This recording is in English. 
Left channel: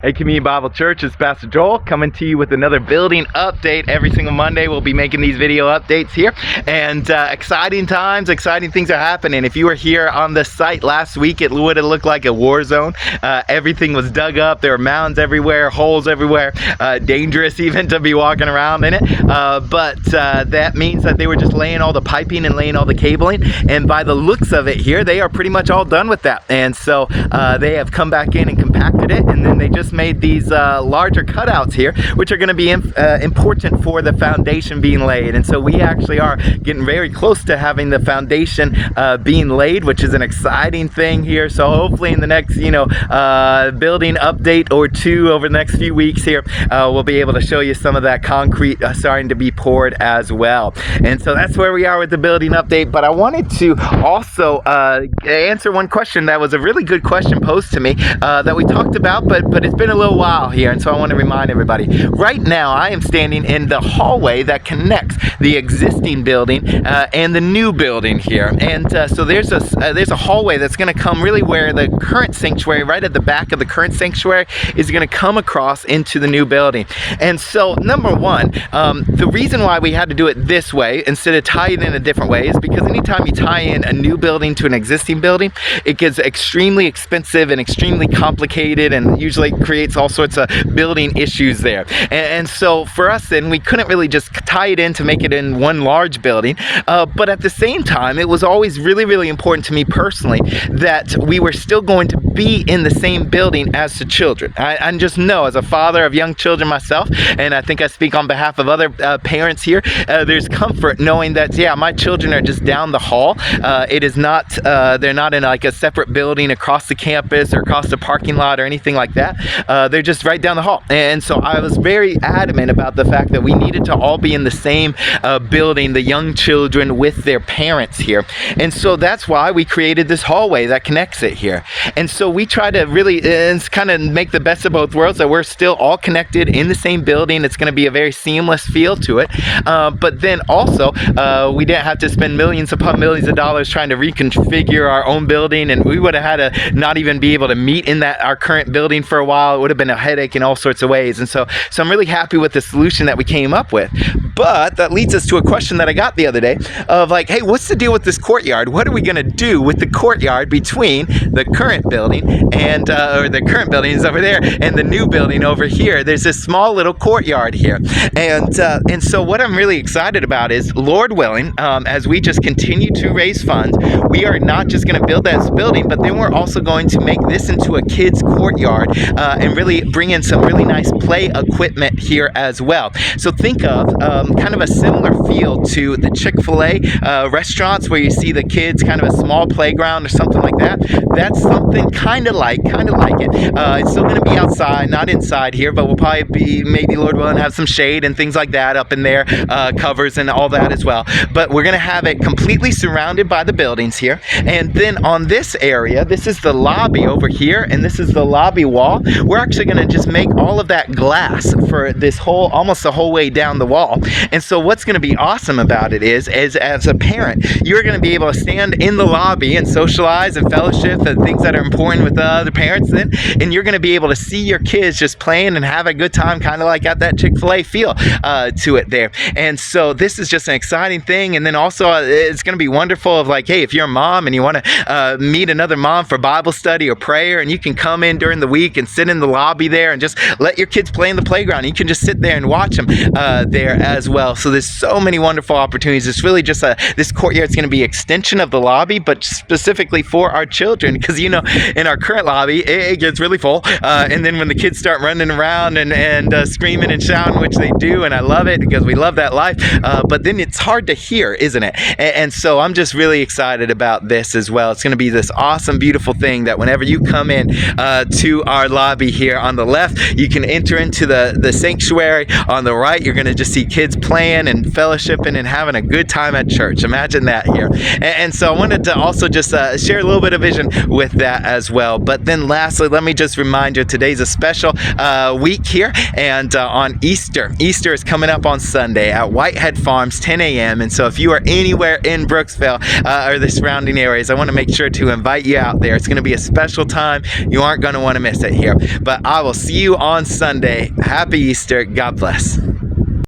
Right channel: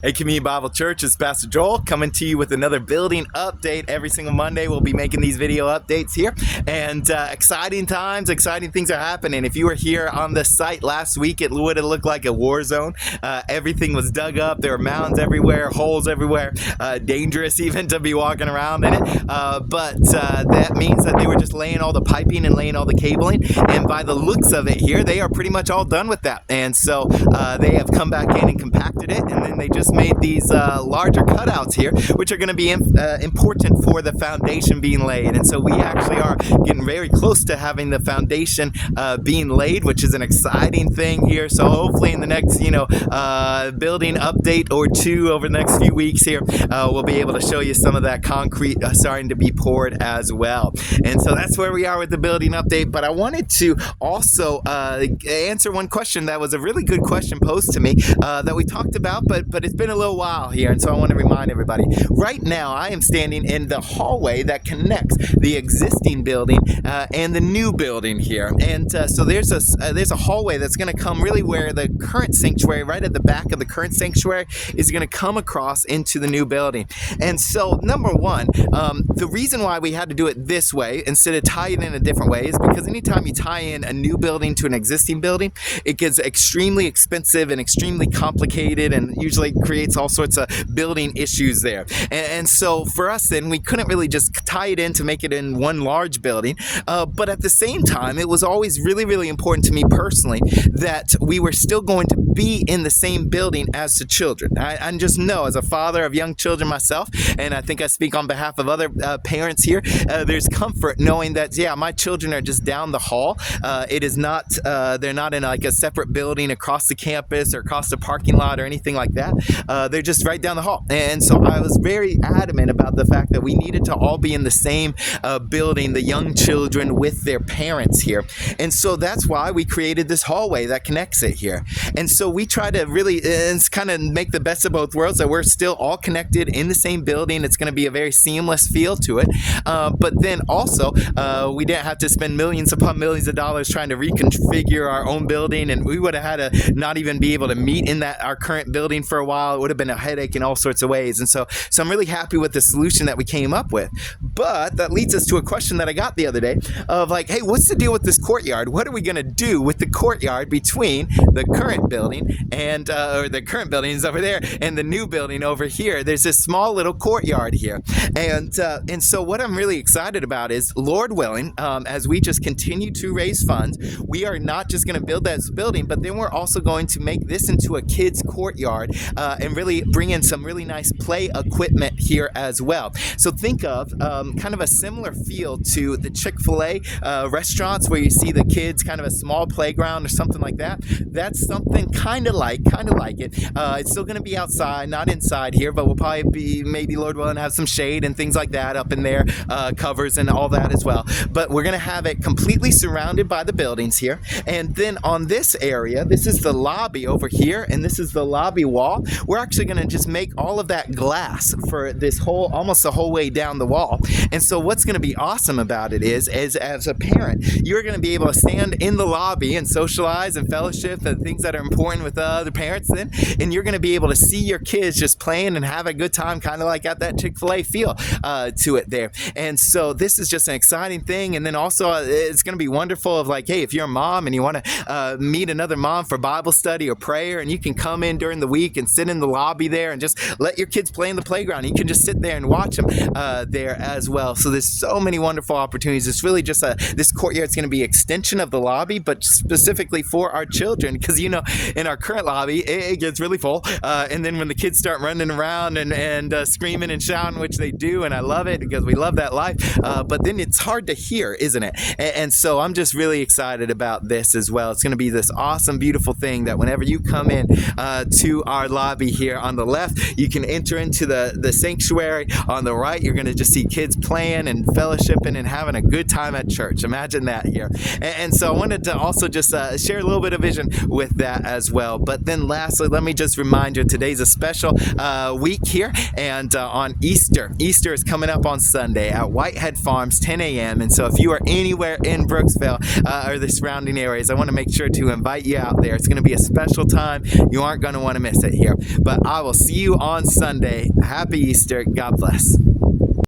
Hey, Community Bible Church, it's Pastor Joel coming to you with another building update. Every single Monday, we'll be making these video updates here. And exciting times, exciting things are happening. If you were here on the site last week, it would have looked like a war zone. Everything was dug up. There were mounds everywhere, holes everywhere, dangerous even to be walking around in it. But that means that they were just laying all the piping and laying all the cabling. And by the looks of it here, they are pretty much all done with that. And so they have come back in and compacted it, and then they just made these larger cutouts here, which are going to be important for the foundation being laid. And so we actually are getting very close to having the foundation being laid, which is an exciting thing here. So hopefully in the next building update or two over the next few weeks here, we'll be able to show you some of that concrete starting to be poured as well. And so that's where we are with the building update. But I wanted to also answer one question that was a really good question posed to me that we talked about, but it's been a little while here, and so I want to remind everybody. Right now, I am standing in the hallway that connects the existing building and the new building here. And so there's a hallway that's going to come really where the current sanctuary, right at the back of the current sanctuary, is going to come across into the new building. And so, number one, the reason why we had to do it this way instead of tie it in a different way is because anytime you tie in a new building to an existing building, it gets extremely expensive and extremely complicated, and usually creates all sorts of building issues there. And so for us then, we couldn't really just tie it in to make it in one large building. But at the same time, it was always really, really important to me personally that we were still going to be in the same building as the children. I just know, as a father of young children myself, and I think I speak on behalf of other parents here, there's comfort knowing that, yeah, my children are just down the hall. It is not, they're not in like a separate building across the campus or across the parking lot or anything like that. They're just right down the hall. And so I was very adamant about the fact that we needed to all be in the same building, the young children with their parents here. And so that's why we created this hallway that connects it here. And so we try to really kind of make the best of both worlds, that we're still all connected in the same building. It's going to be a very seamless feel to it. But then also, we didn't have to spend millions upon millions of dollars trying to reconfigure our own building, and we would have had to not even be able to meet in our current building for a while. It would have been a headache in all sorts of ways. And so I'm really happy with the solution that we came up with. But that leads us to a question that I got the other day of like, hey, what's the deal with this courtyard? What are we going to do with the courtyard between the current building and or the current building is over there and the new building over here? There's this small little courtyard here. And so what I'm really excited about is, Lord willing, as we just continue to raise funds, we are not just going to build that building, but then we're also going to make this into a kids courtyard and really bring in some really nice play equipment here as well. So think of kind of a similar feel to the Chick-fil-A restaurants where you see the kids, kind of a small playground or something like that. That's something kind of like it. It's still going to be outside, not inside here, but we'll probably be, maybe Lord willing, have some shade and things like that up in there, covers and all that as well. But we're going to have it completely surrounded by the buildings here. And then on this area, this is the lobby over here, and this is the lobby wall. We're actually going to just make all of that glass for this whole, almost the whole way down the wall. And so what's going to be awesome about it is as a parent, you're going to be able to stand in the lobby and socialize and fellowship and things that are important with other parents then, and you're going to be able to see your kids just playing and have a good time, kind of like at that Chick-fil-A feel to it there. And so this is just an exciting thing. And then also it's going to be wonderful of like, hey, if you're a mom and you want to meet another mom for Bible study or prayer, and you can come in during the week and sit in the lobby there and just let your kids play in the playground. You can just sit there and watch them there as well. So there's so many wonderful opportunities. It's really just this courtyard is going to be an extension of the lobby, but specifically for our children, because you know, in our current lobby, it gets really full. And then when the kids start running around and screaming and shouting, which they do, and I love it because we love that life, but then it's hard to hear, isn't it? And so I'm just really excited about this as well. It's going to be this awesome, beautiful thing that whenever you come in to our lobby here on the left, you can enter into the sanctuary. On the right, you're going to just see kids playing and fellowshipping and having a good time at church. Imagine that here. And so I wanted to also just share a little bit of vision with that as well. But then lastly, let me just remind you, today's a special week here, and on Easter is coming up on Sunday at Whitehead Farms, 10 a.m. And so if you are anywhere in Brooksville or the surrounding areas, I want to make sure to invite you out there. It's going to be a special time. You aren't going to want to miss it here. But I will see you on Sunday. Happy Easter. God bless.